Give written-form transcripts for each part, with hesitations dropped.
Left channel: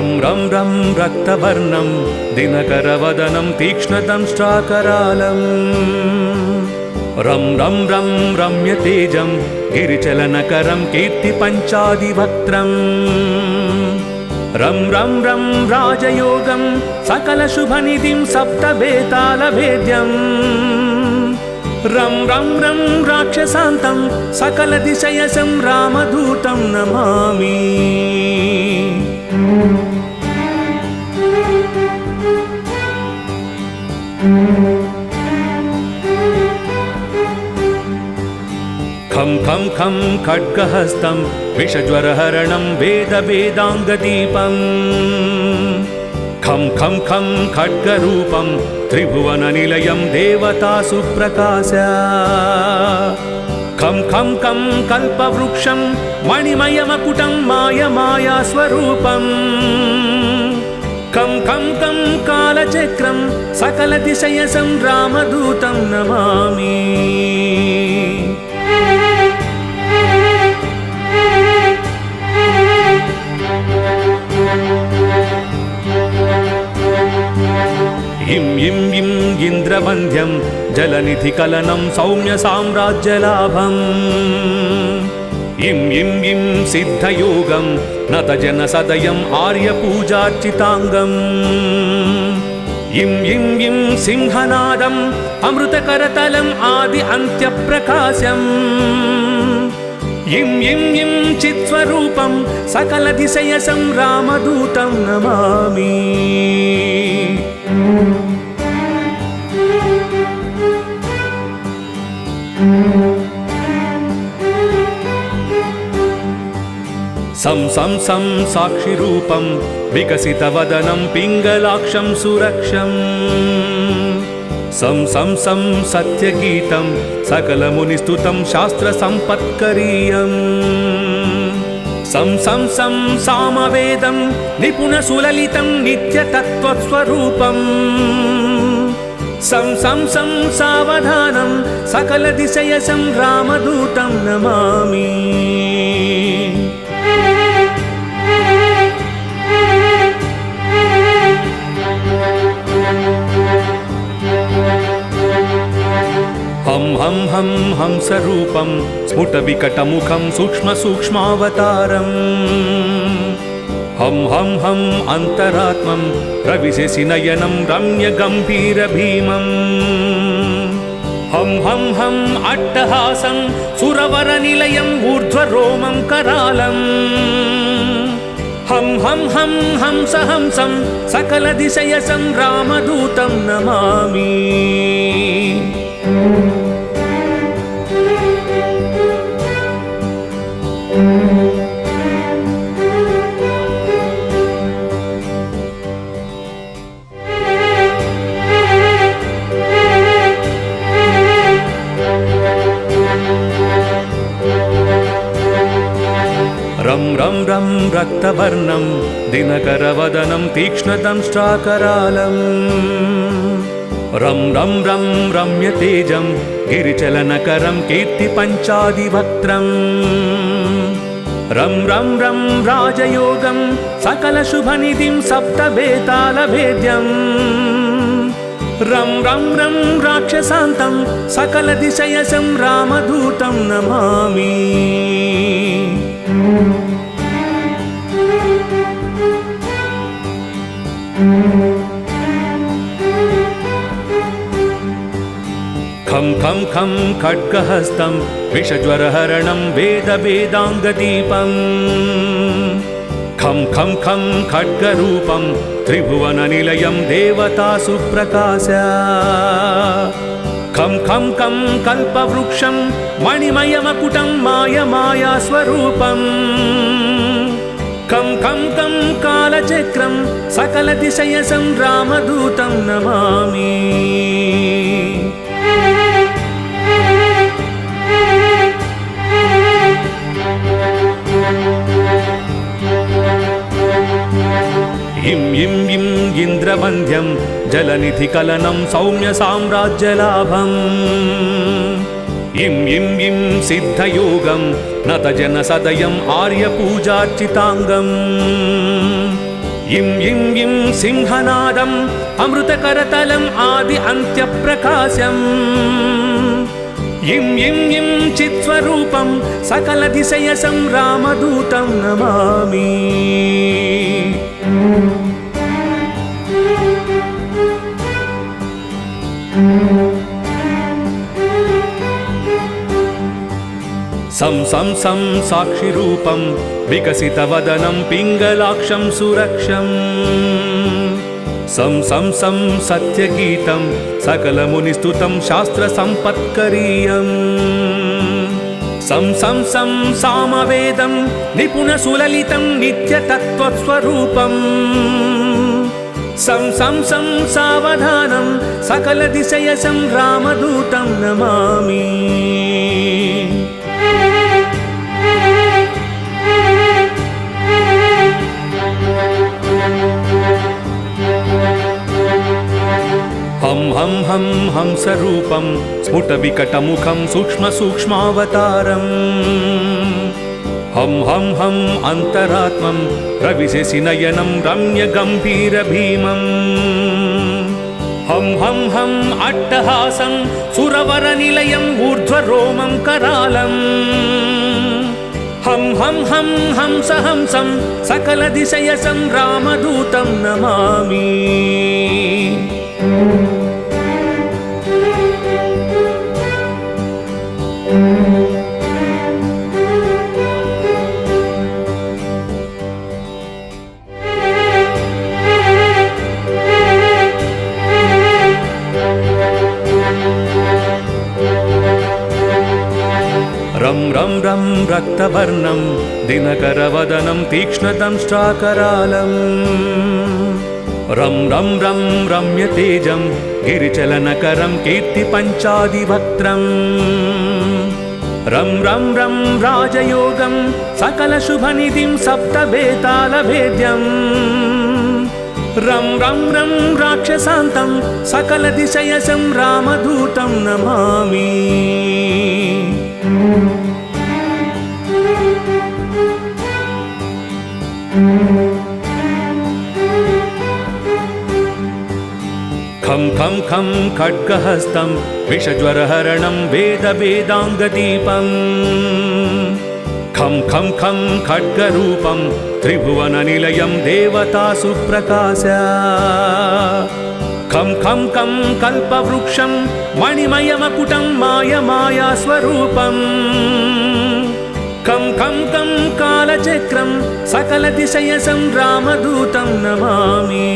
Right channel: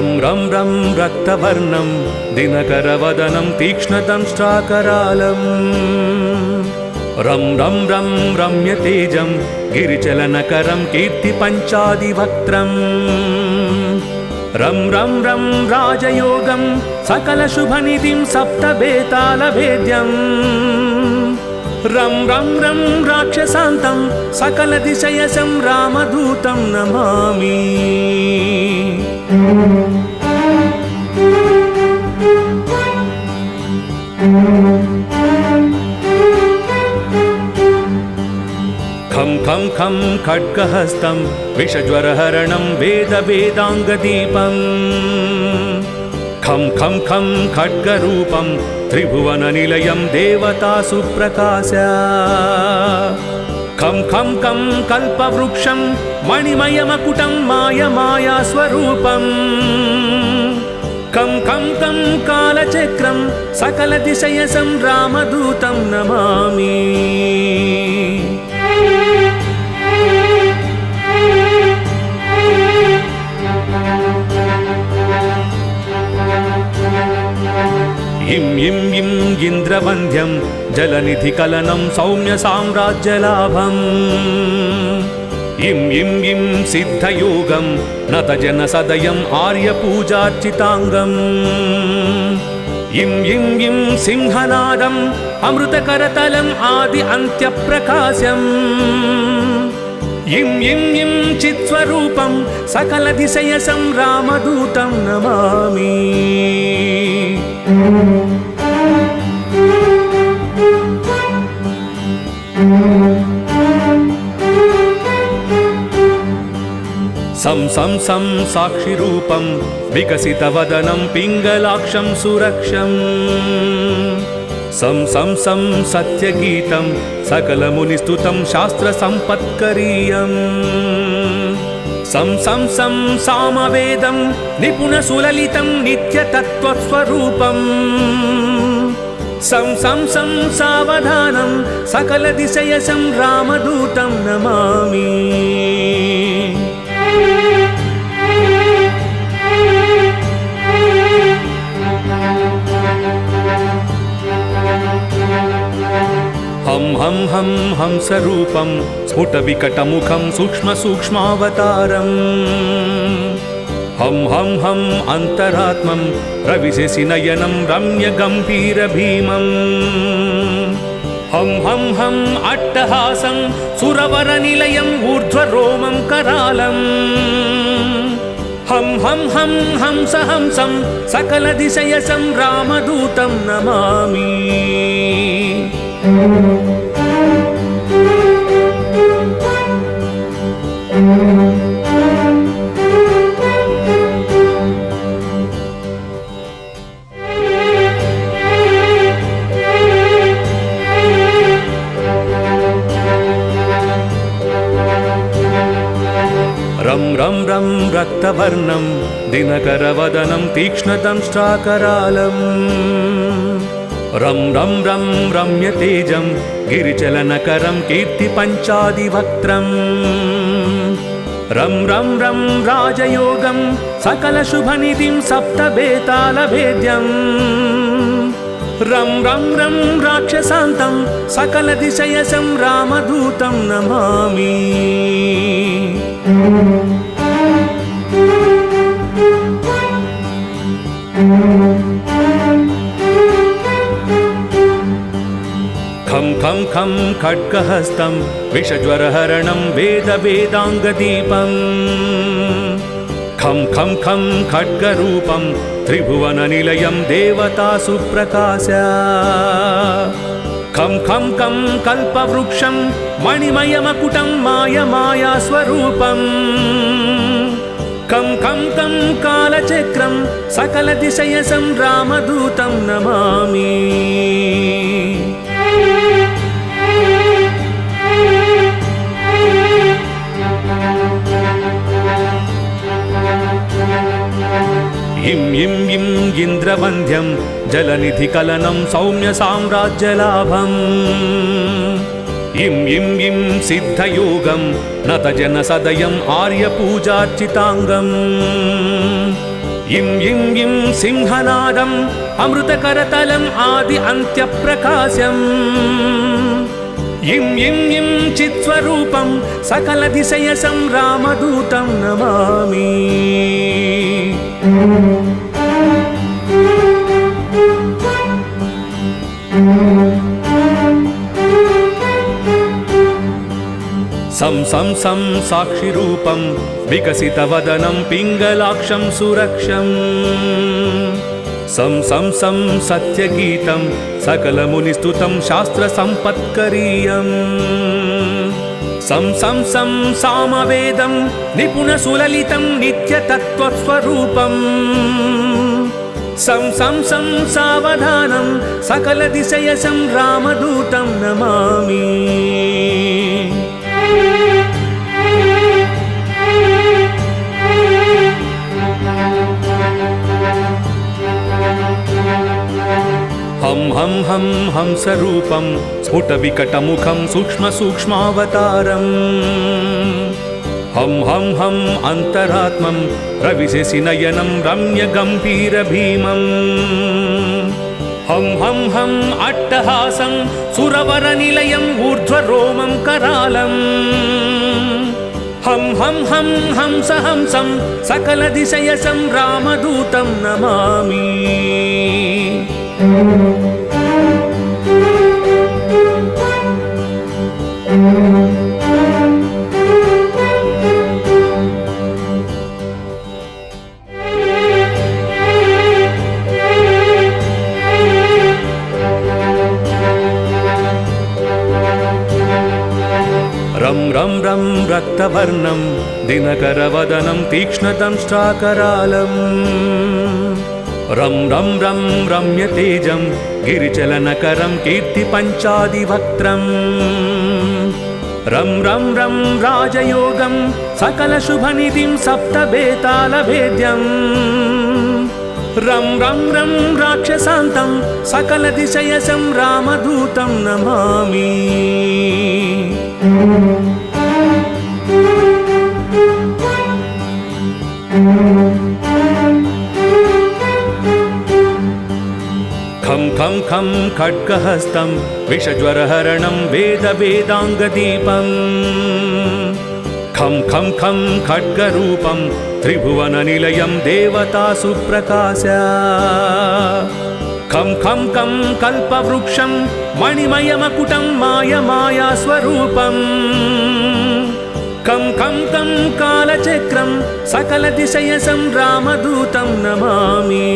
रं रं रं रक्तवर्णं दिनकरवदनं तीक्ष्णदंष्ट्राकरालं रं रं रं रम्यतेजं गिरिचलनकरं कीर्तिपञ्चादिवक्त्रम् रं रं रं राजयोगं सकलशुभनिधिं सप्तबेतालभेद्यम् रं रं रं राक्षसान्तं सकलदिशयसं रामदूतं नमामि। खं खं खं खड्गहस्तं विषज्वरहरणं वेदवेदाङ्गदीपं खं खं खं खड्गरूपं त्रिभुवननिलयं देवतासु प्रकाश खं खं खं कल्पवृक्षं मणिमयमकुटं मायमायास्वरूपम् खं खं खं कालचक्रं सकलदिशयसं रामदूतं नमामि। इं इं इं इन्द्रवन्द्यं जलनिधिकलनं सौम्यसाम्राज्यलाभम् इं इं इं सिद्धयोगं नतजनसदयम् आर्यपूजार्चिताङ्गम् इं इं इं सिंहनादम् अमृतकरतलम् आदि अन्त्यप्रकाशम् इं इं इं चित्स्वरूपं सकलदिशयसं रामदूतं नमामि। सं सं सं साक्षिरूपं विकसितवदनं पिङ्गलाक्षं सुरक्षम् सं सं सं सत्यगीतं सकलमुनिस्तुतं शास्त्रसम्पत्करीयम् सं सं सं सामवेदं निपुणसुललितं नित्यतत्त्वस्वरूपम् सं सं सं सावधानं सकलदिशयसं रामदूतं नमामि। हं हं हं हंसरूपं स्फुटविकटमुखं सूक्ष्मसूक्ष्मावतारम् हं हं हं अन्तरात्मं रविशशिनयनं रम्यगम्भीरभीमम् हं हं हं अट्टहासं सुरवरनिलयम् ऊर्ध्वरोमं करालम् हं हं हं हंसहंसं सकलदिशयसं रामदूतं नमामि। रं रं रं रक्तवर्णं दिनकरवदनं तीक्ष्णदंष्ट्राकरालम् रं रं रं रम्यतेजं गिरिचलनकरं कीर्तिपञ्चादिवक्त्रम् रं रं रं राजयोगं सकलशुभनिधिं सप्तबेतालभेद्यम् रं रं रं राक्षसान्तं सकलदिशयसं रामदूतं नमामि। खं खं खं खड्गहस्तं विषज्वरहरणं वेदवेदाङ्गदीपम् खं खं खं खड्गरूपं त्रिभुवननिलयं देवतासु प्रकाश खं खं खं कल्पवृक्षं मणिमयमकुटं मायमायास्वरूपम् खं खं खं कालचक्रं सकलदिशयसं रामदूतं नमामि। इं इं इं इन्द्रवन्द्यं जलनिधिकलनं सौम्यसाम्राज्यलाभम् इं इं इं सिद्धयोगं नतजनसदयम् आर्यपूजार्चिताङ्गम् इं इं इं सिंहनादम् अमृतकरतलम् आदि अन्त्यप्रकाशम् इं इं इं चित्स्वरूपं सकलदिशयसं रामदूतं नमामि सं सं सं साक्षिरूपं विकसितवदनं पिङ्गलाक्षं सुरक्षम् सं सं सं सत्यगीतं सकलमुनिस्तुतं शास्त्रसम्पत्करीयम् सं सं सं सामवेदं निपुणसुललितं नित्यतत्त्वस्वरूपम् सं सं सं सावधानं सकलदिशयसं रामदूतं नमामि हं हं हं हंसरूपं स्फुटविकटमुखं सूक्ष्मसूक्ष्मावतारम् हं हं हं अन्तरात्मं रविशशिनयनं रम्यगम्भीरभीमम् हं हं हं अट्टहासं सुरवरनिलयम् ऊर्ध्वरोमं करालम् हं हं हं हंसहंसं सकलदिशयसं रामदूतं नमामि रं रं रं रक्तवर्णं दिनकरवदनं तीक्ष्णदंष्ट्राकरालम् रं रं रं रम्यतेजं गिरिचलनकरं कीर्तिपञ्चादिवक्त्रम् रं रं रं राजयोगं सकलशुभनिधिं सप्तबेतालभेद्यम् रं रं रं राक्षसान्तं सकलदिशयसं रामदूतं नमामि खं खं खं खड्गहस्तं विषज्वरहरणं वेदवेदाङ्गदीपम् खं खं खं खड्गरूपं त्रिभुवननिलयं देवतासु प्रकाश खं खं खं कल्पवृक्षं मणिमयमकुटं मायमायास्वरूपम् खं खं खं कालचक्रं सकलदिशयसं रामदूतं नमामि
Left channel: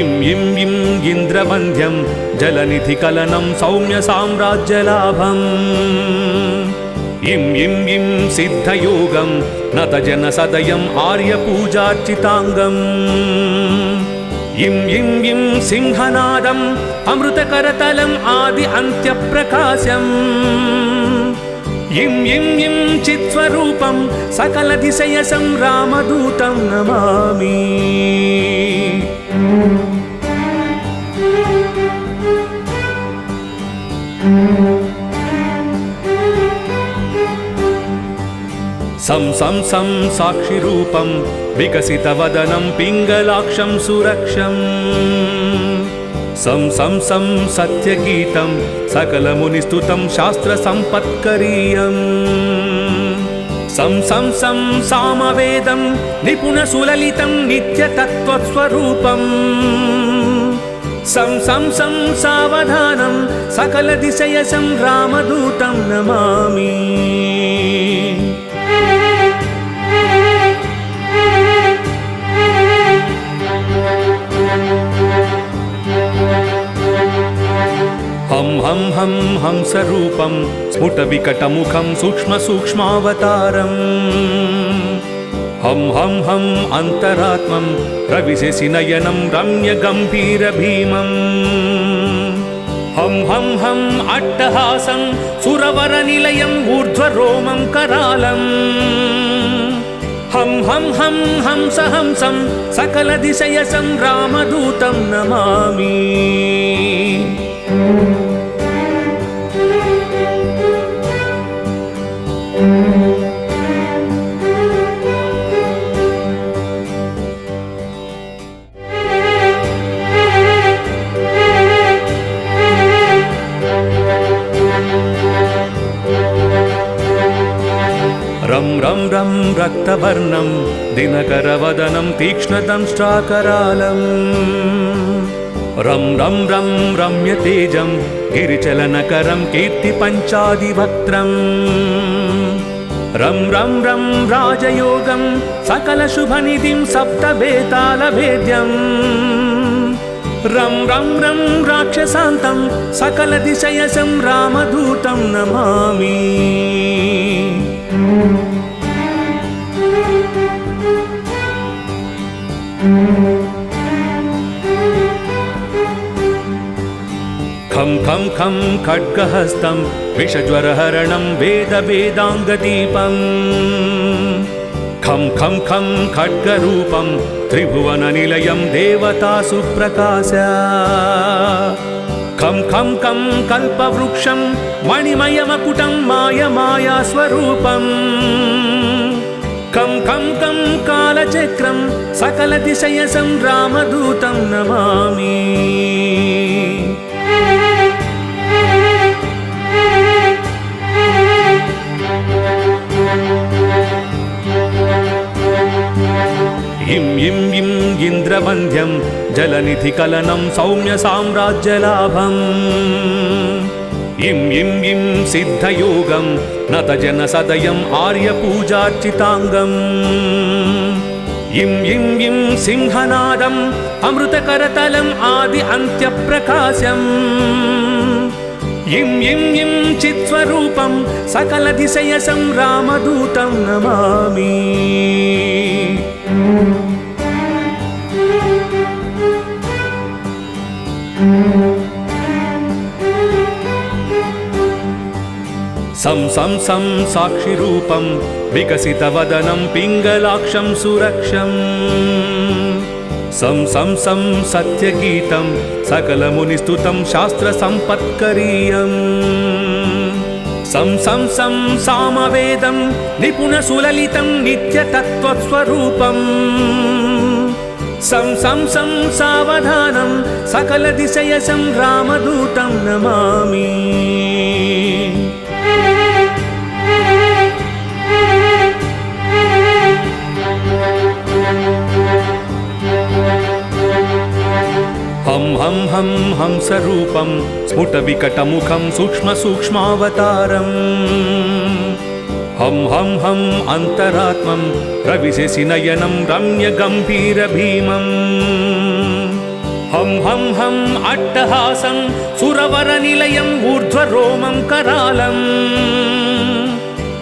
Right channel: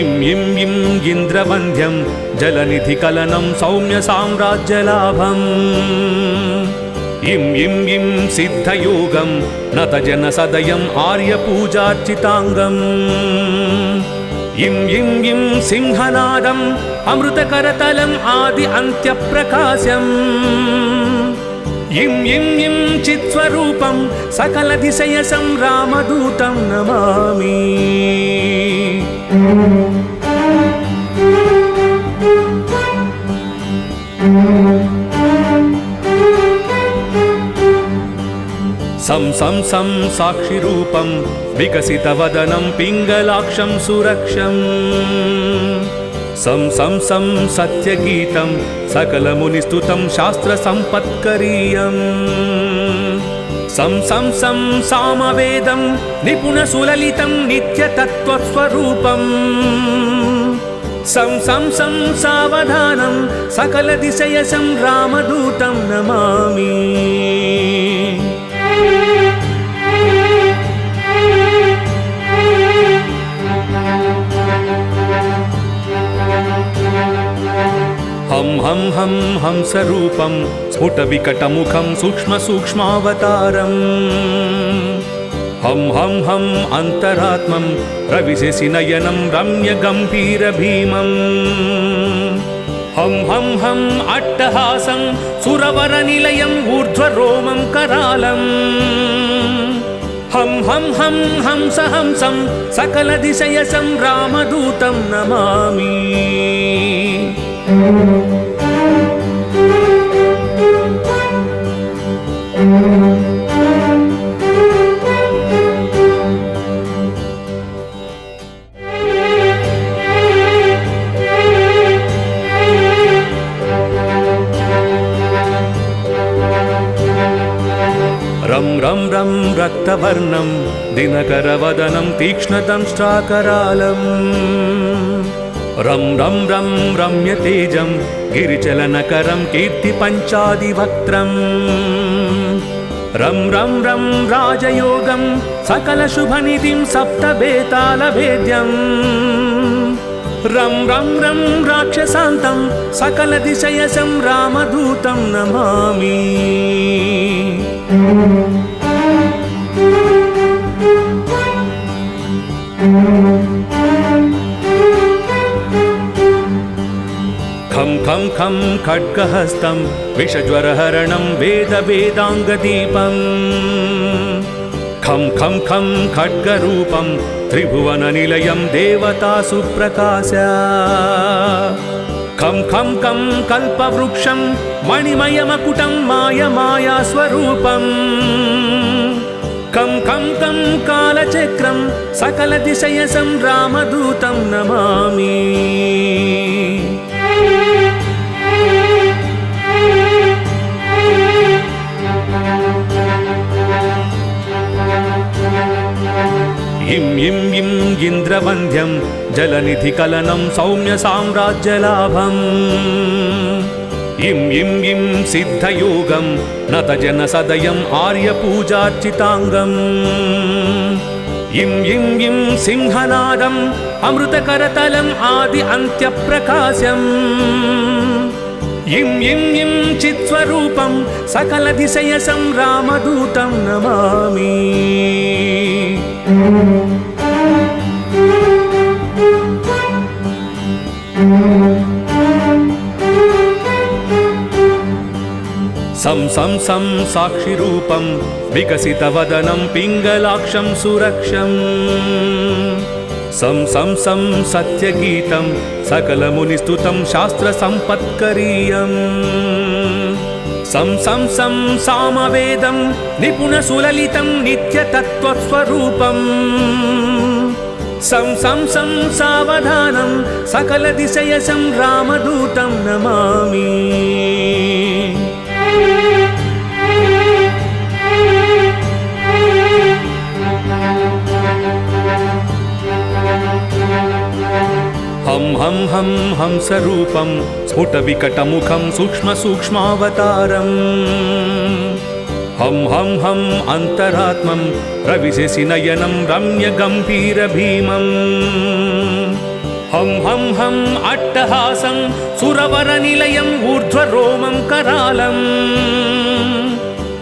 इं इं इं इन्द्रवन्द्यं जलनिधिकलनं सौम्यसाम्राज्यलाभम् इं इं इं सिद्धयोगं नतजनसदयम् आर्यपूजार्चिताङ्गम् इं इं इं सिंहनादम् अमृतकरतलम् आदि अन्त्यप्रकाशम् इं इं इं चित्स्वरूपं सकलदिशयसं रामदूतं नमामि सं सं सं साक्षिरूपं विकसितवदनं पिङ्गलाक्षं सुरक्षम् सं सं सं सत्यगीतं सकलमुनिस्तुतं शास्त्रसम्पत्करीयम् सं सं सं सामवेदं निपुणसुललितं नित्यतत्त्वस्वरूपम् सं सं सं सावधानं सकलदिशयसं रामदूतं नमामि हं हं हं हंसरूपं स्फुटविकटमुखं सूक्ष्मसूक्ष्मावतारम् हं हं हं अन्तरात्मं रविशशिनयनं रम्यगम्भीरभीमम् हं हं हं अट्टहासं सुरवरनिलयम् ऊर्ध्वरोमं करालम् हं हं हं हंसहंसं सकलदिशयसं रामदूतं नमामि रं रं रं रक्तवर्णं दिनकरवदनं तीक्ष्णदंष्ट्राकरालम् रं रं रं रम्यतेजं गिरिचलनकरं कीर्तिपञ्चादिवक्त्रम् रं रं रं राजयोगं सकलशुभनिधिं सप्तबेतालभेद्यम् रं रं रं राक्षसान्तं सकलदिशयसं रामदूतं नमामि। खं खं खं खड्गहस्तं विषज्वरहरणं वेदवेदाङ्गदीपम् खं खं खं खड्गरूपं त्रिभुवननिलयं देवतासु प्रकाश खं खं खं कल्पवृक्षं मणिमयमकुटं मायमायास्वरूपम् खं खं खं कालचक्रं सकलदिशयसं रामदूतं नमामि। इं इं इं इन्द्रवन्द्यं जलनिधिकलनं सौम्यसाम्राज्यलाभम् इं इं इं सिद्धयोगं नतजनसदयम् आर्यपूजार्चिताङ्गम् इं इं इं सिंहनादम् अमृतकरतलम् आदि अन्त्यप्रकाशम् इं इं इं चित्स्वरूपं सकलदिशयसं रामदूतं नमामि। सं सं सं साक्षिरूपं विकसितवदनं पिङ्गलाक्षं सुरक्षम् सं सं सं सत्यगीतं सकलमुनिस्तुतं शास्त्रसम्पत्करीयम् सं सं सं सामवेदं निपुणसुललितं नित्यतत्त्वस्वरूपम् सं सं सं सावधानं सकलदिशयसं रामदूतं नमामि। हं हं हं हंसरूपं स्फुटविकटमुखं सूक्ष्मसूक्ष्मावतारम् हं हं हं अन्तरात्मं रविशशिनयनं रम्यगम्भीरभीमम् हं हं हं अट्टहासं सुरवरनिलयम् ऊर्ध्वरोमं करालम्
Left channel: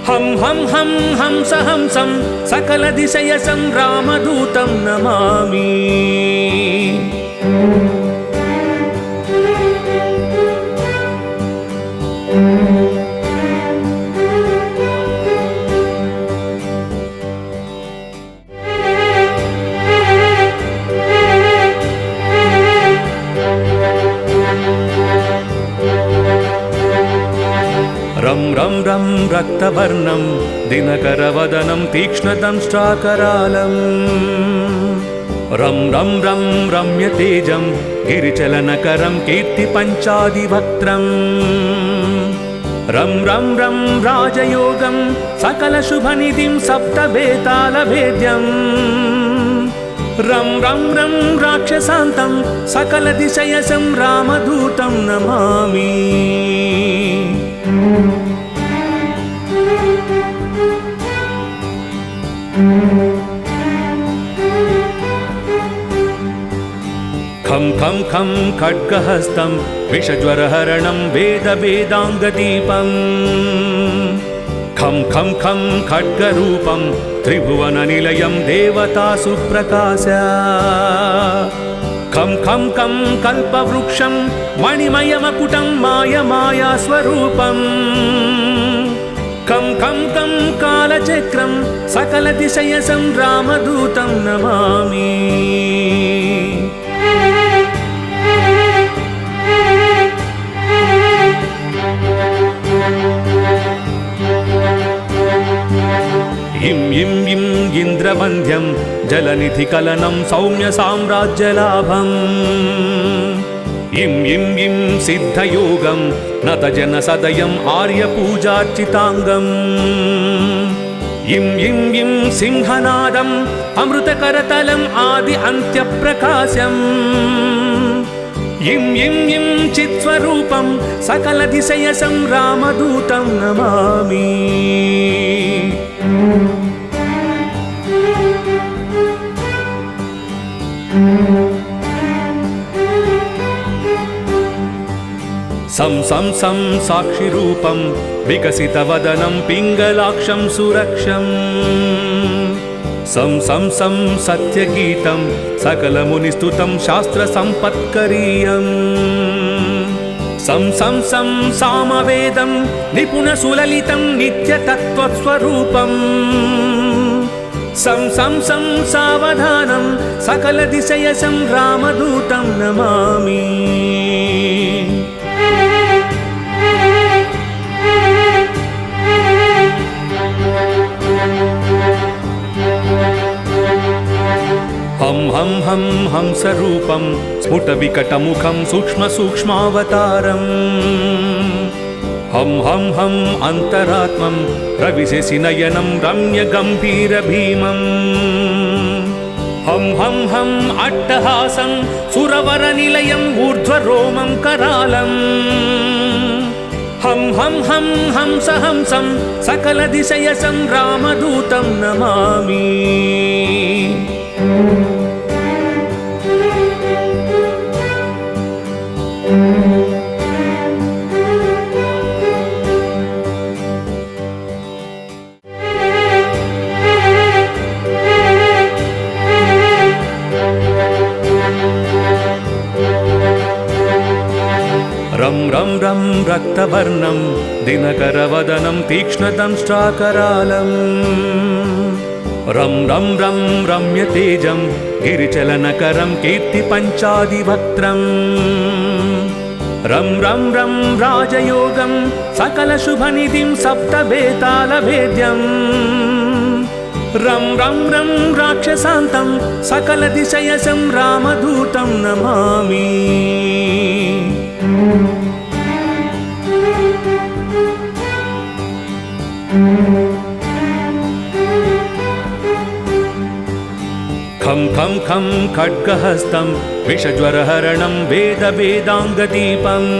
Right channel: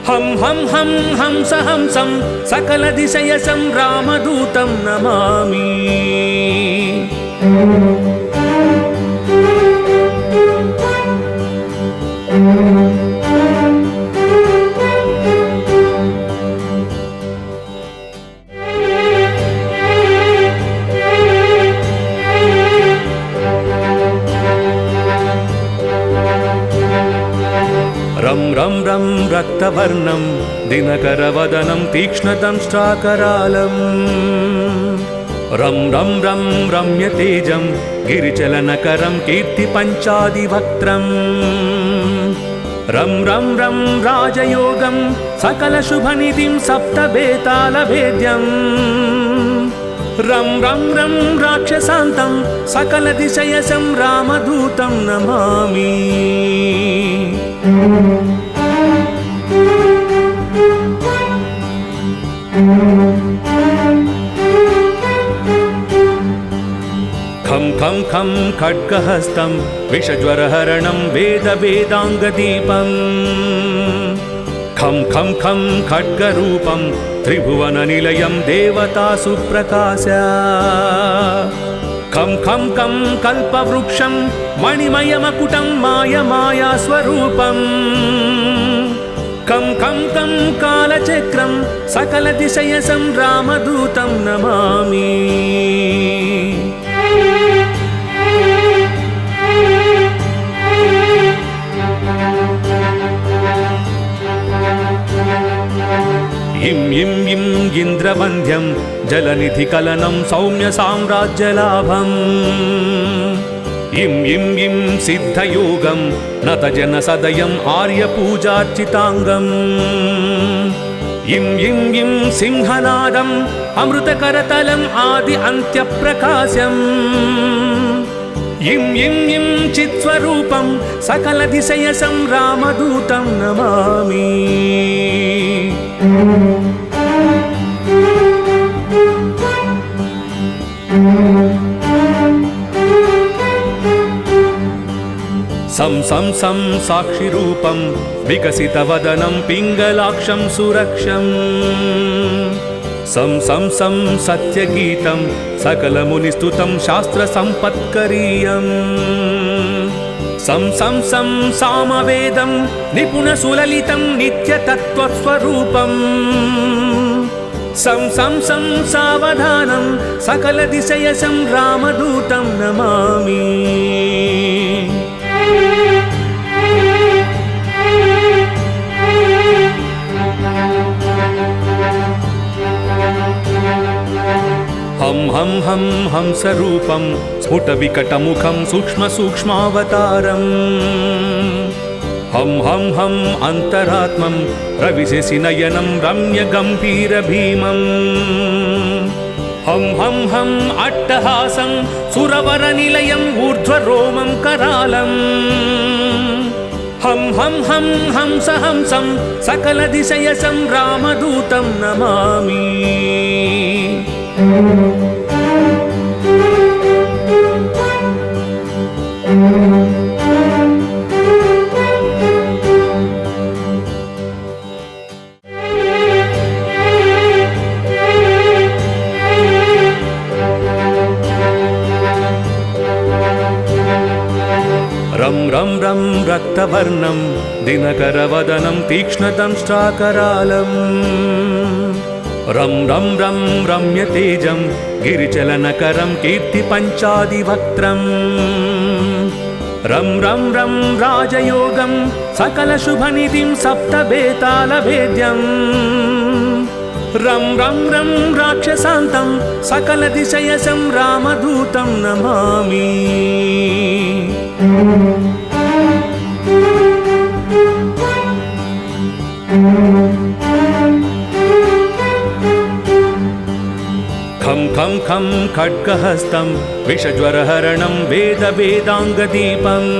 हं हं हं हंसहंसं सकलदिशयसं रामदूतं नमामि। रं रं रं रक्तवर्णं दिनकरवदनं तीक्ष्णदंष्ट्राकरालम् रं रं रं रम्यतेजं गिरिचलनकरं कीर्तिपञ्चादिवक्त्रम् रं रं रं राजयोगं सकलशुभनिधिं सप्तबेतालभेद्यम् रं रं रं राक्षसान्तं सकलदिशयसं रामदूतं नमामि। खं खं खं खड्गहस्तं विषज्वरहरणं वेदवेदाङ्गदीपम् खं खं खं खड्गरूपं त्रिभुवननिलयं देवतासु प्रकाश खं खं खं कल्पवृक्षं मणिमयमकुटं मायमायास्वरूपम् खं खं खं कालचक्रं सकलदिशयसं रामदूतं नमामि। इं इं इं इन्द्रवन्द्यं जलनिधिकलनं सौम्य साम्राज्यलाभम् इं इं इं सिद्धयोगं नतजनसदयम् आर्यपूजार्चिताङ्गम् इं इं इं सिंहनादम् अमृतकरतलम् आदि अन्त्यप्रकाशम् इं इं इं चित्स्वरूपं सकलदिशयसं रामदूतं नमामि सं सं सं साक्षिरूपं विकसितवदनं पिङ्गलाक्षं सुरक्षम् सं सं सं सत्यगीतं सकलमुनिस्तुतं शास्त्रसम्पत्करीयम् सं सं सं सामवेदं निपुणसुललितं नित्यतत्त्वस्वरूपम् सं सं सं सावधानं सकलदिशयसं रामदूतं नमामि हं हं हं हंसरूपं स्फुटविकटमुखं सूक्ष्मसूक्ष्मावतारम् हं हं हं अन्तरात्मं रविशशिनयनं रम्यगम्भीरभीमम् हं हं हं अट्टहासं सुरवरनिलयम् ऊर्ध्वरोमं करालम् हं हं हं हंसहंसं सकलदिशयसं रामदूतं नमामि रं रं रं रक्तवर्णं दिनकरवदनं तीक्ष्णदंष्ट्राकरालम् रं रं रं रम्यतेजं गिरिचलनकरं कीर्तिपञ्चादिवक्त्रम् रं रं रं राजयोगं सकलशुभनिधिं सप्तबेतालभेद्यम् रं रं रं राक्षसान्तं सकलदिशयसं रामदूतं नमामि खं खं खं खड्गहस्तं विषज्वरहरणं वेदवेदाङ्गदीपम्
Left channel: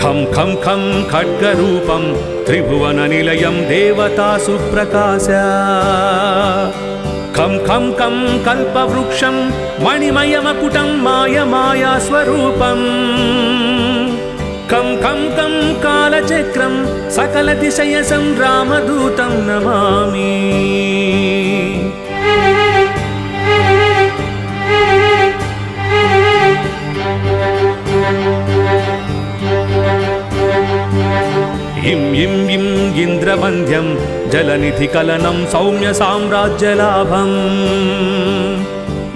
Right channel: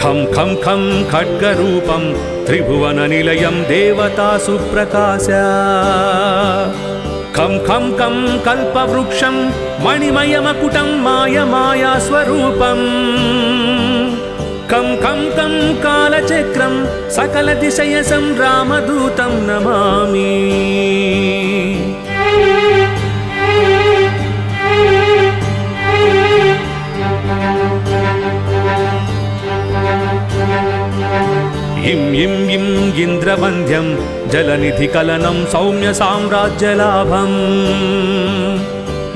खं खं खं खड्गरूपं त्रिभुवननिलयं देवतासु प्रकाश खं खं खं कल्पवृक्षं मणिमयमकुटं मायमायास्वरूपम् खं खं खं कालचक्रं सकलदिशयसं रामदूतं नमामि इं इं इं इन्द्रवन्द्यं जलनिधिकलनं सौम्य साम्राज्यलाभम्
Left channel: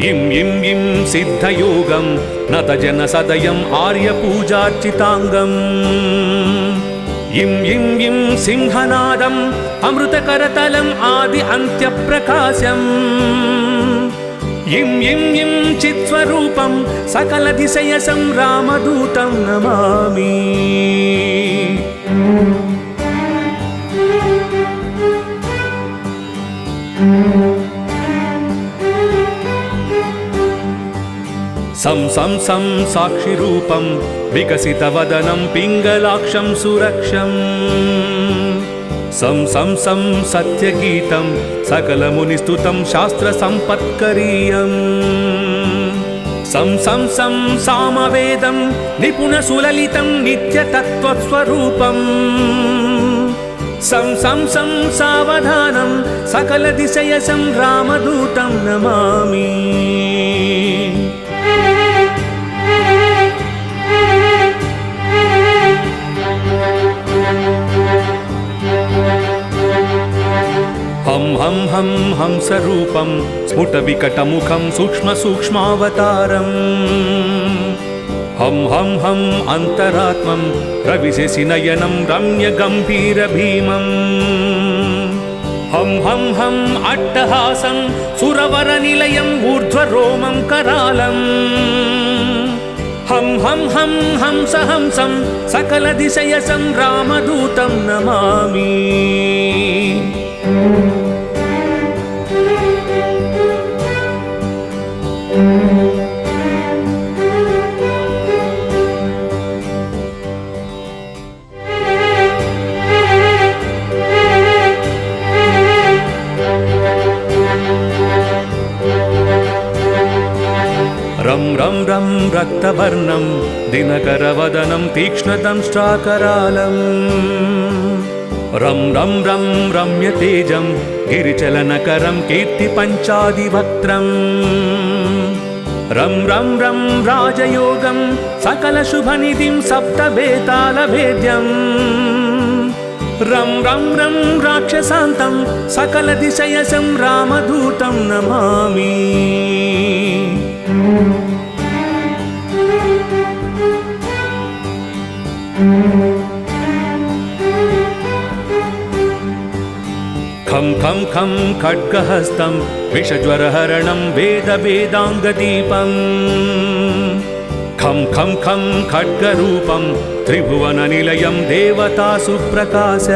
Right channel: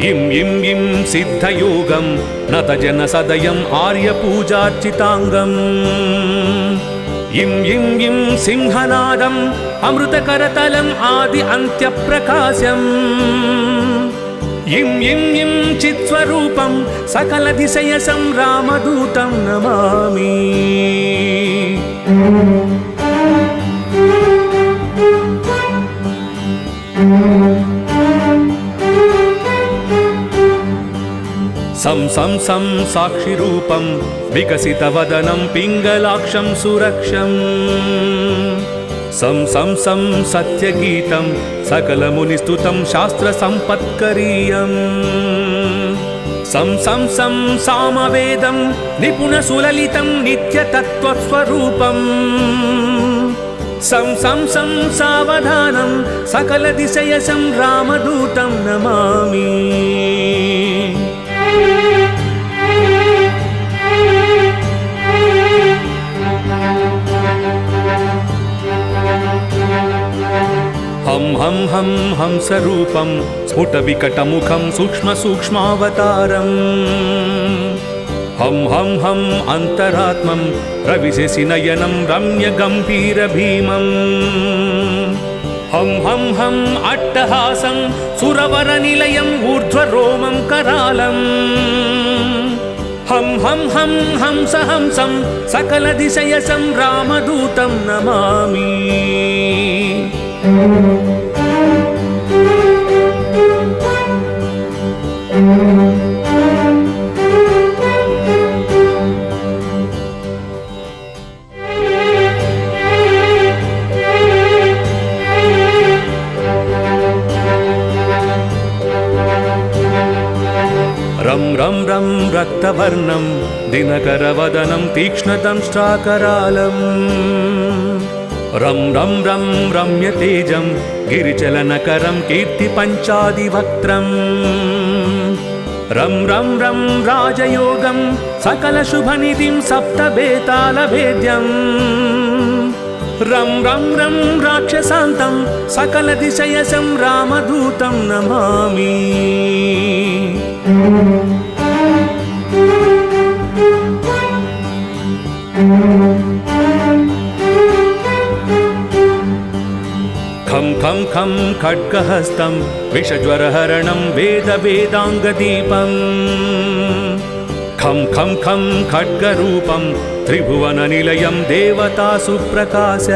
इं इं इं सिद्धयोगं नतजनसदयम् आर्यपूजार्चिताङ्गम् इं इं इं सिंहनादम् अमृतकरतलम् आदि अन्त्यप्रकाशम् इं इं इं चित्स्वरूपं सकलदिशयसं रामदूतं नमामि सं सं सं साक्षिरूपं विकसितवदनं पिङ्गलाक्षं सुरक्षम् सं सं सं सत्यगीतं सकलमुनिस्तुतं शास्त्रसम्पत्करीयम् सं सं सं सामवेदं निपुणसुललितं नित्यतत्त्वस्वरूपम् सं सं सं सावधानं सकलदिशयसं रामदूतं नमामि हं हं हं हंसरूपं स्फुटविकटमुखं सूक्ष्मसूक्ष्मावतारम् हं हं हं अन्तरात्मं रविशशिनयनं रम्यगम्भीरभीमम् हं हं हं अट्टहासं सुरवरनिलयम् ऊर्ध्वरोमं करालम् हं हं हं हंसहंसं सकलदिशयसं रामदूतं नमामि रं रं रं रक्तवर्णं दिनकरवदनं तीक्ष्णदंष्ट्राकरालम् रं रं रं रम्यतेजं गिरिचलनकरं कीर्तिपञ्चादिवक्त्रम् रं रं रं राजयोगं सकलशुभनिधिं सप्तबेतालभेद्यम् रं रं रं राक्षसान्तं सकलदिशयसं रामदूतं नमामि खं खं खं खड्गहस्तं विषज्वरहरणं वेदवेदाङ्गदीपम् खं खं खं खड्गरूपं त्रिभुवननिलयं देवतासु प्रकाश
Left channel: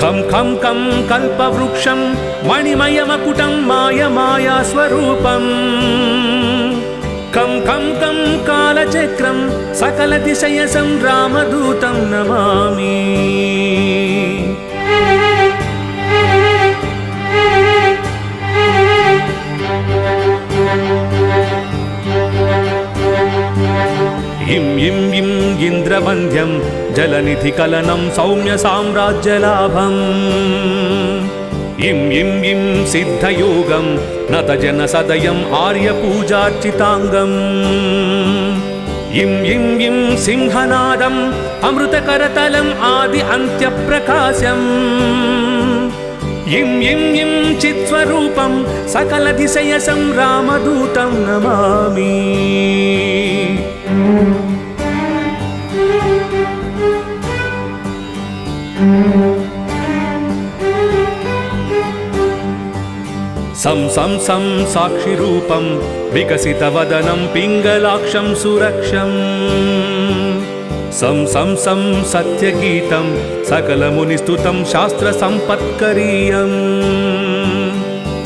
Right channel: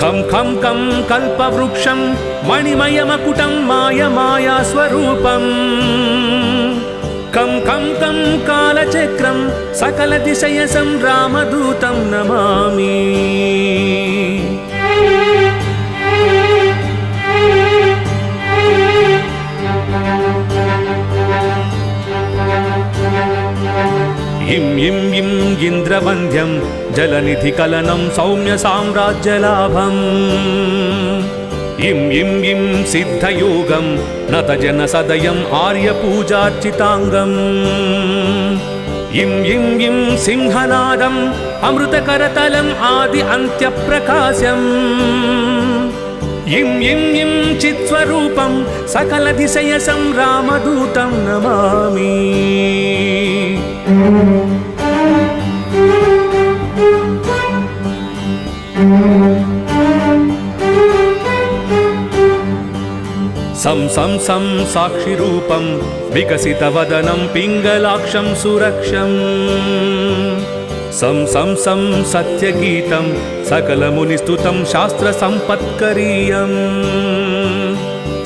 खं खं खं कल्पवृक्षं मणिमयमकुटं मायमायास्वरूपम् खं खं खं कालचक्रं सकलदिशयसं रामदूतं नमामि इं इं इं इन्द्रवन्द्यं जलनिधिकलनं सौम्यसाम्राज्यलाभम् इं इं इं सिद्धयोगं नतजनसदयम् आर्यपूजार्चिताङ्गम् इं इं इं सिंहनादम् अमृतकरतलम् आदि अन्त्यप्रकाशम् इं इं इं चित्स्वरूपं सकलदिशयसं रामदूतं नमामि सं सं सं साक्षिरूपं विकसितवदनं पिङ्गलाक्षं सुरक्षम् सं सं सं सत्यगीतं सकलमुनिस्तुतं शास्त्रसम्पत्करीयम्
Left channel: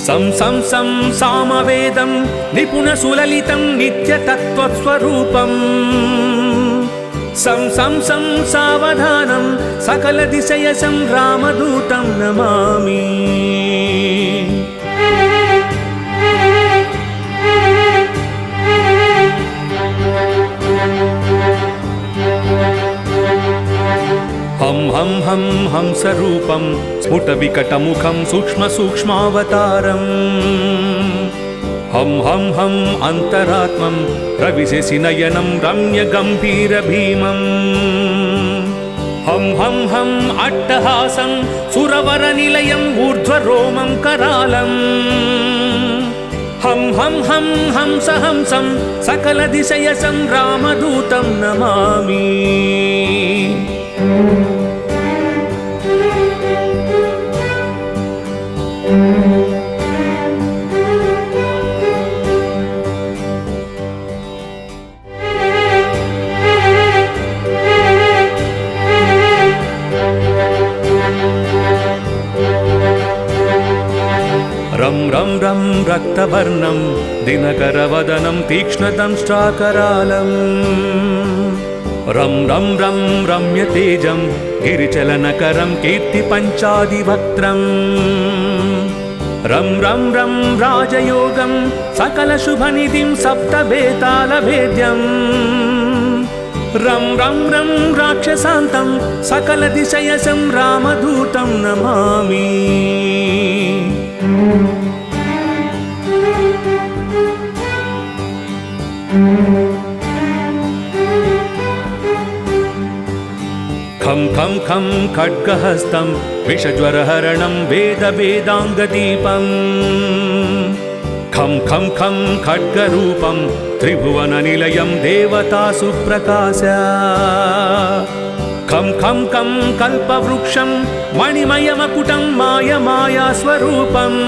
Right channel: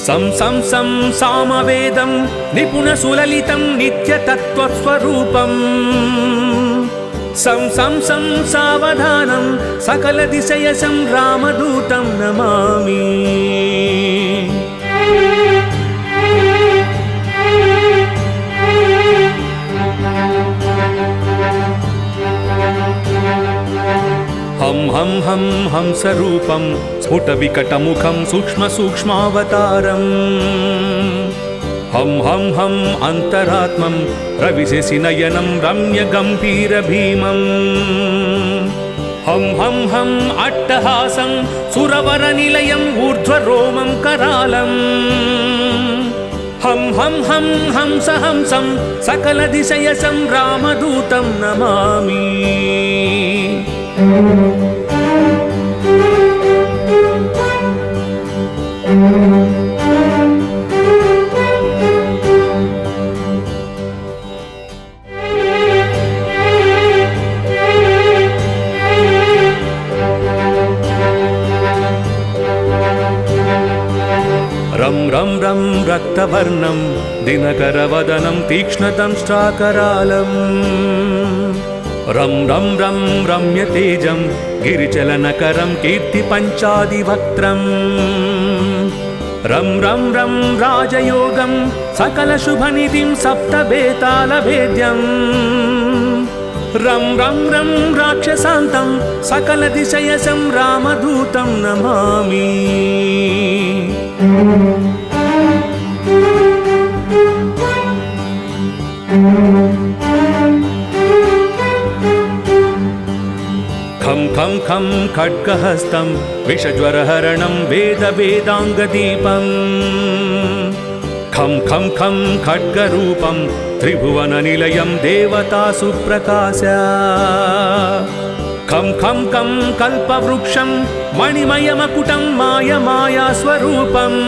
सं सं सं सामवेदं निपुणसुललितं नित्यतत्त्वस्वरूपम् सं सं सं सावधानं सकलदिशयसं रामदूतं नमामि हं हं हं हंसरूपं स्फुटविकटमुखं सूक्ष्मसूक्ष्मावतारम् हं हं हं अन्तरात्मं रविशशिनयनं रम्यगम्भीरभीमम् हं हं हं अट्टहासं सुरवरनिलयम् ऊर्ध्वरोमं करालम् हं हं हं हंसहंसं सकलदिशयसं रामदूतं नमामि रं रं रं रक्तवर्णं दिनकरवदनं तीक्ष्णदंष्ट्राकरालम् रं रं रं रम्यतेजं गिरिचलनकरं कीर्तिपञ्चादिवक्त्रम् रं रं रं राजयोगं सकलशुभनिधिं सप्तबेतालभेद्यम् रं रं रं राक्षसान्तं सकलदिशयसं रामदूतं नमामि खं खं खं खड्गहस्तं विषज्वरहरणं वेदवेदाङ्गदीपम् खं खं खं खड्गरूपं त्रिभुवननिलयं देवतासु प्रकाश खं खं खं कल्पवृक्षं मणिमयमकुटं माया स्वरूपम्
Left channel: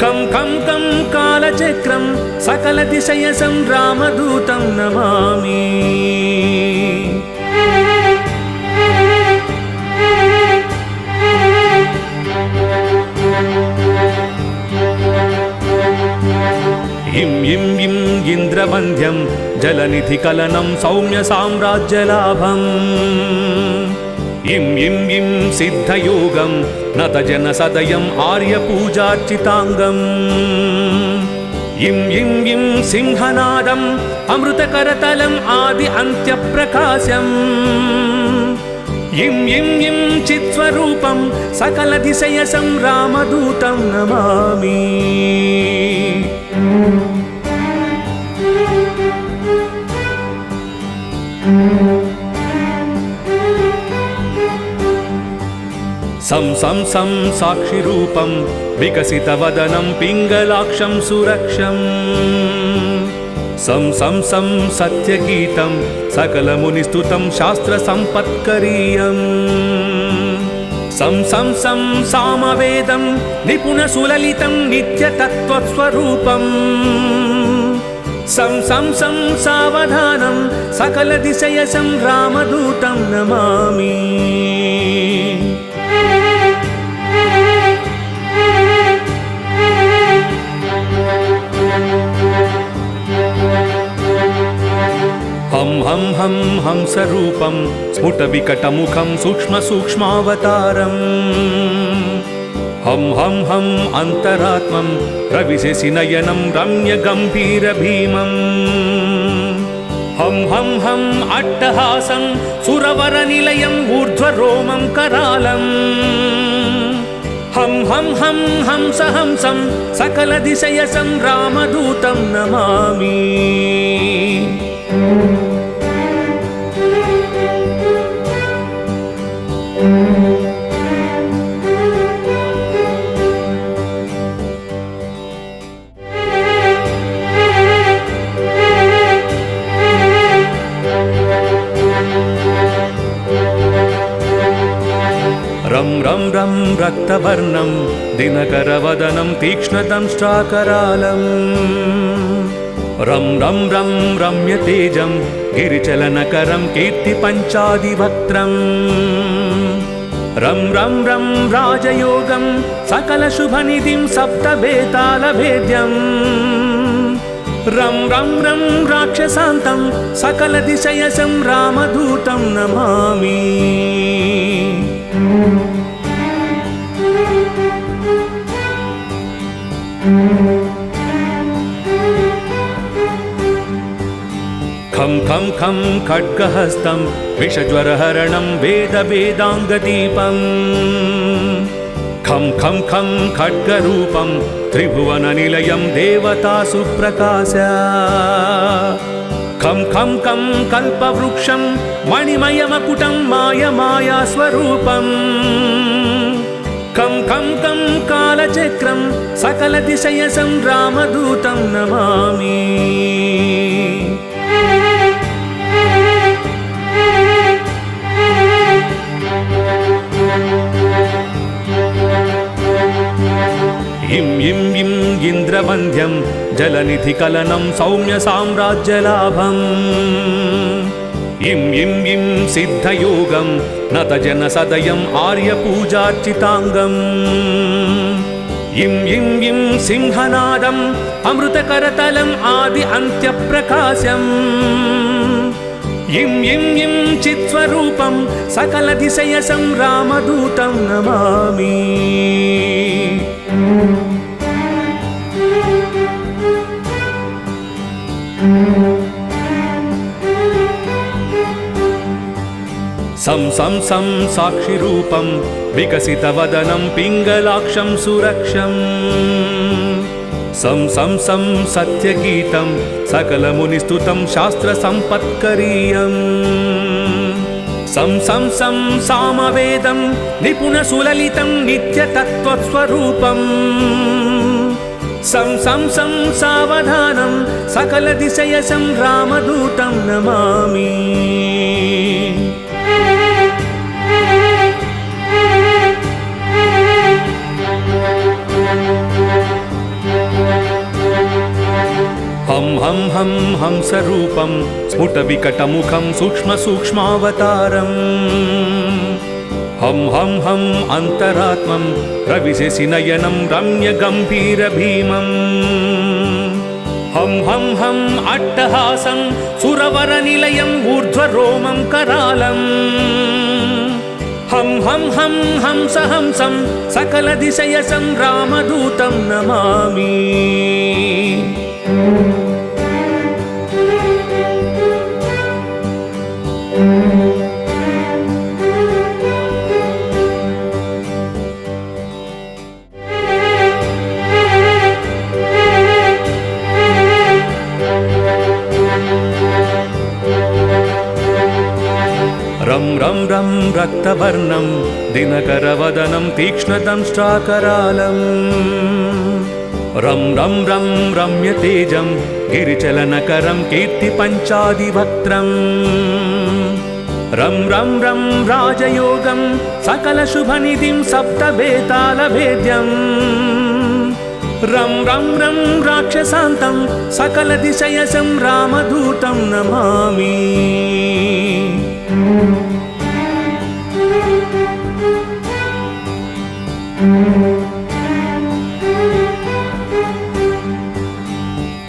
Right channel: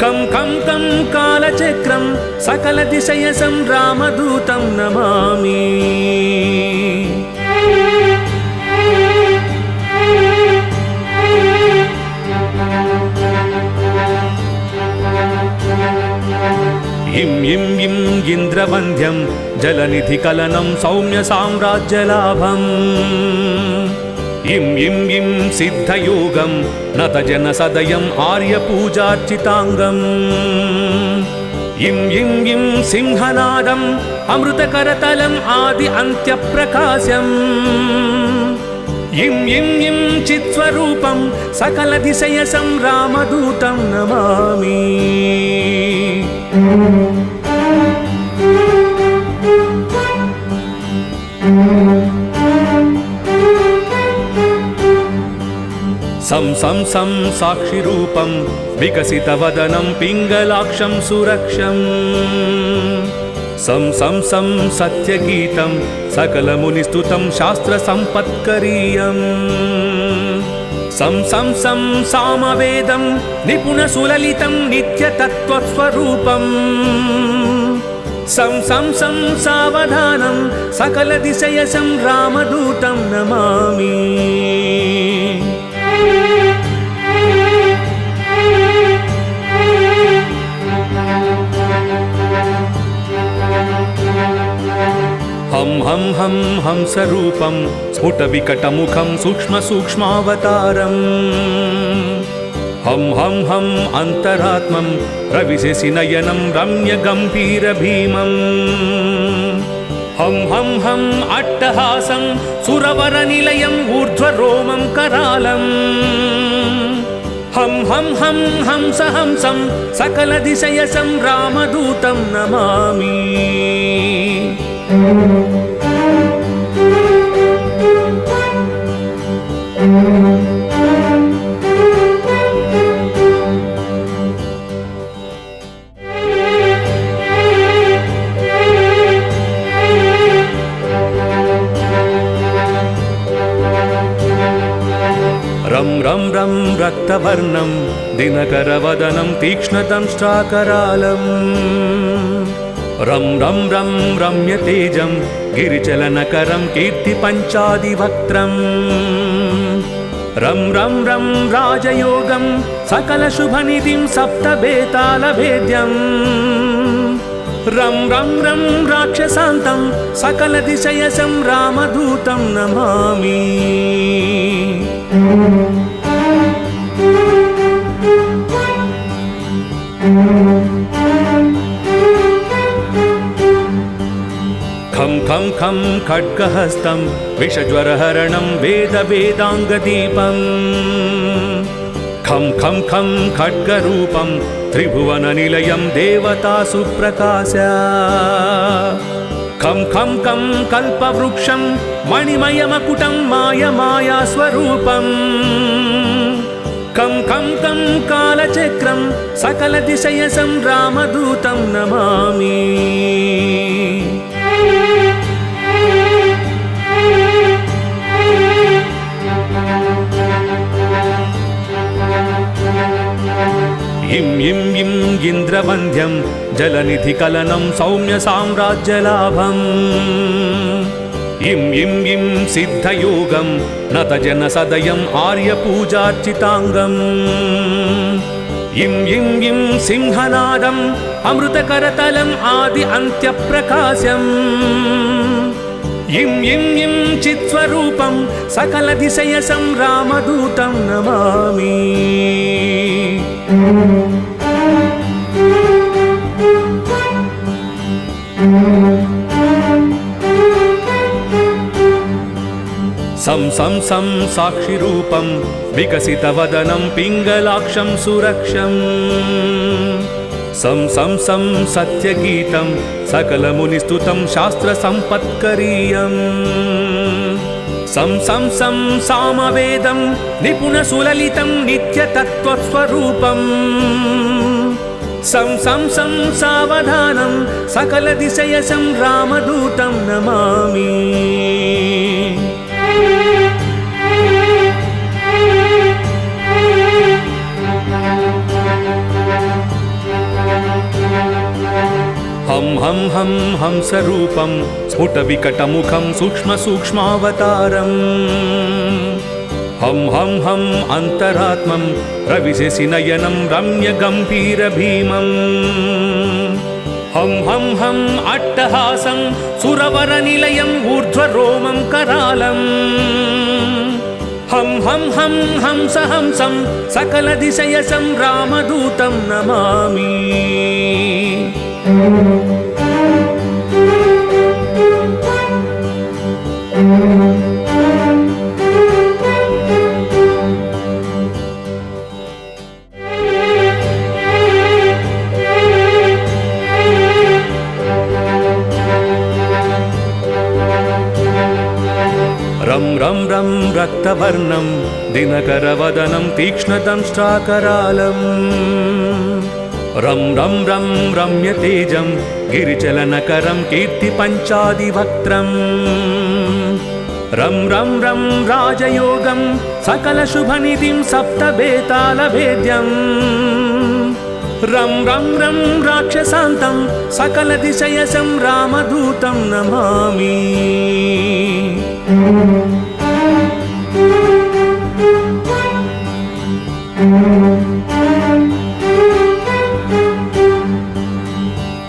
खं खं खं कालचक्रं सकलदिशयसं रामदूतं नमामि इं इं इं इन्द्रवन्द्यं जलनिधिकलनं सौम्य साम्राज्यलाभम् इं इं इं सिद्धयोगं नतजनसदयम् आर्यपूजार्चिताङ्गम् इं इं इं सिंहनादम् अमृतकरतलम् आदि अन्त्यप्रकाशम् इं इं इं चित्स्वरूपं सकलदिशयसं रामदूतं नमामि सं सं सं साक्षिरूपं विकसितवदनं पिङ्गलाक्षं सुरक्षम् सं सं सं सत्यगीतं सकलमुनिस्तुतं शास्त्रसम्पत्करीयम् सं सं सं सामवेदं निपुणसुललितं नित्यतत्त्वस्वरूपम् सं सं सं सावधानं सकलदिशयसं रामदूतं नमामि हं हं हं हंसरूपं स्फुटविकटमुखं सूक्ष्मसूक्ष्मावतारम् हं हं हं अन्तरात्मं रविशशिनयनं रम्यगम्भीरभीमम् हं हं हं अट्टहासं सुरवरनिलयम् ऊर्ध्वरोमं करालम् हं हं हं हंसहंसं सकलदिशयसं रामदूतं नमामि रं रं रं रक्तवर्णं दिनकरवदनं तीक्ष्णदंष्ट्राकरालम् रं रं रं रम्यतेजं गिरिचलनकरं कीर्तिपञ्चादिवक्त्रम् रं रं रं राजयोगं सकलशुभनिधिं सप्तबेतालभेद्यम् रं रं रं राक्षसान्तं सकलदिशयसं रामदूतं नमामि खं खं खं खड्गहस्तं विषज्वरहरणं वेदवेदाङ्गदीपम् खं खं खं खड्गरूपं त्रिभुवननिलयं देवतासु प्रकाश खं खं खं कल्पवृक्षं मणिमयमकुटं माया स्वरूपम् खं खं खं कालचक्रं सकलदिशयसं रामदूतं नमामि इं इं इं इन्द्रवन्द्यं जलनिधिकलनं सौम्य साम्राज्यलाभम् इं इं इं सिद्धयोगं नतजनसदयम् आर्यपूजार्चिताङ्गम् इं इं इं सिंहनादम् अमृतकरतलम् आदि अन्त्यप्रकाशम् इं इं इं चित्स्वरूपं सकलदिशयसं रामदूतं नमामि सं सं सं साक्षिरूपं विकसितवदनं पिङ्गलाक्षं सुरक्षम् सं सं सं सत्यगीतं सकलमुनिस्तुतं शास्त्रसम्पत्करीयम् सं सं सं सामवेदं निपुणसुललितं नित्यतत्त्वस्वरूपम् సం సం సం సావధానం సకల దిశయసం రామదూతం నమామి. హం హం హం హంసరూపం స్ఫుట వికటముఖం సూక్ష్మ సూక్ష్మావతారం. హం హం హం అంతరాత్మం రవిశశి నయనం రమ్య గంభీర భీమం. హం హం హం అట్టహాసం సురవర నిలయం ఊర్ధ్వరోమం కరాళం. హం హం హం హంస హంసం సకల దిశయసం రామదూతం నమామి. రం రం రం రక్తవర్ణం దినకరవదనం తీక్ష్ణదంష్ట్రాకరాళం. రం రం రం రమ్యతేజం గిరిచలనకరం కీర్తి పంచాదివక్త్రం. రం రం రం రాజయోగం సకల శుభనిధిం సప్తబేతాళభేద్యం. రం రం రం రాక్షసాంతం సకల దిశయసం రామదూతం నమామి.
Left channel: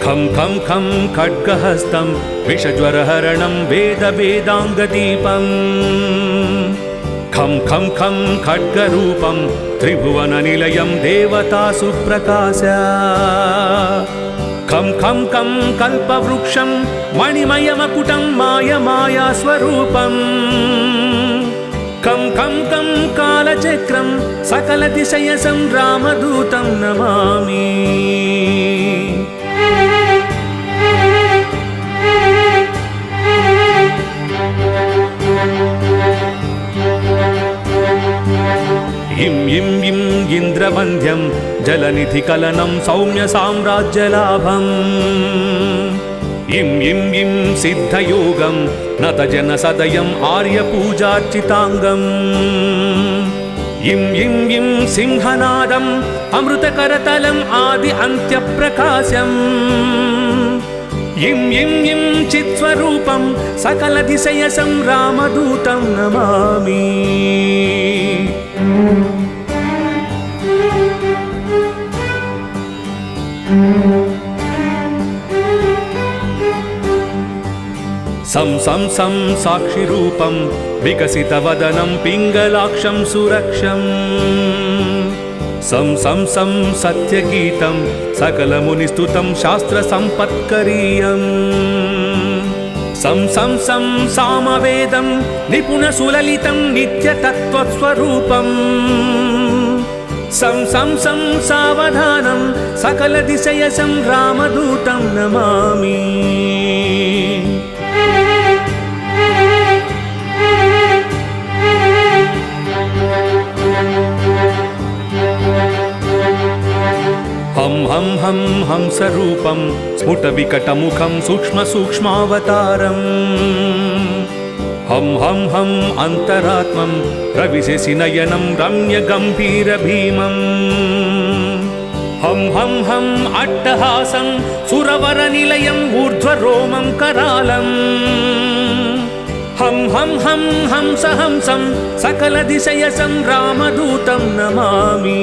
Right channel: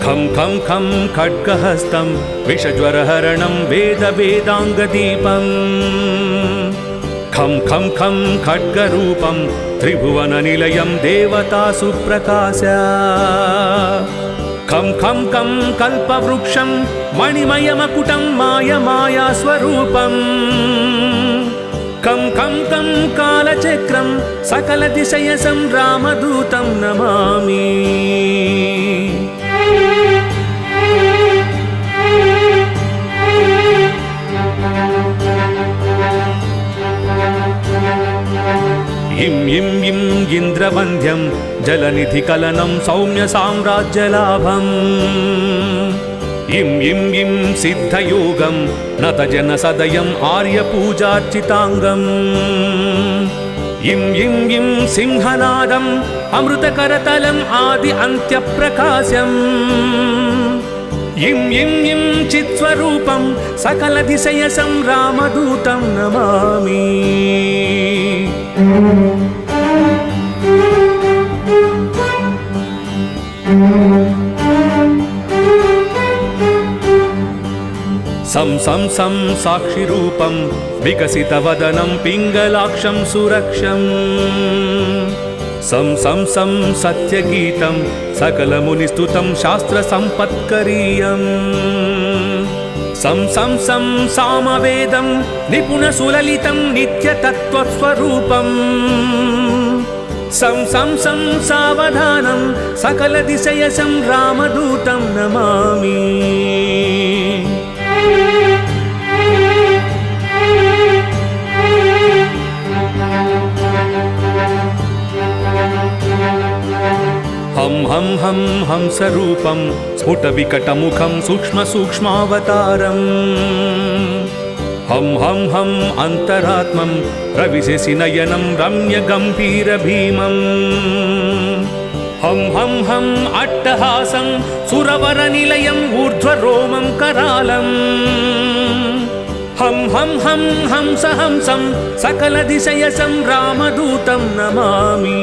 ఖం ఖం ఖం ఖడ్గహస్తం విషజ్వరహరణం వేద వేదాంగదీపం. ఖం ఖం ఖం ఖడ్గరూపం త్రిభువన నిలయం దేవతాసు ప్రకాశ. ఖం ఖం ఖం కల్పవృక్షం మణిమయమకుటం మాయమాయా స్వరూపం. కం కం కం కాలచక్రం సకల దిశయసం రామదూతం నమామి. ఇం ఇం ఇం ఇంద్రవంద్యం జలనిధి కలనం సౌమ్య సామ్రాజ్యలాభం. ఇం ఇం ఇం సిద్ధయోగం నత జన సదయం ఆర్యపూజార్చితాంగం. ఇం ఇం ఇం సింహనాదం అమృతకరతలం ఆది అంత్యప్రకాశం. ఇం ఇం ఇం చిత్స్వరూపం సకల దిశయసం రామదూతం నమామి. సం సం సం సాక్షిరూపం వికసితవదనం పింగళాక్షం సురక్షం. సం సం సం సత్యగీతం సకలమునిస్తుతం శాస్త్ర సంపత్కరీయం. సం సం సం సామవేదం నిపుణ సులలితం నిత్యతత్వస్వరూపం. సం సం సం సావధానం సకల దిశయసం రామదూతం నమామి. హం హం హం హంసరూపం స్ఫుట వికటముఖం సూక్ష్మ సూక్ష్మావతారం. హం హం హం అంతరాత్మం రవిశశి నయనం రమ్య గంభీర భీమం. హం హం హం అట్టహాసం సురవర నిలయం ఊర్ధ్వరోమం కరాళం. హం హం హం హంస హంసం సకల దిశయసం రామదూతం నమామి.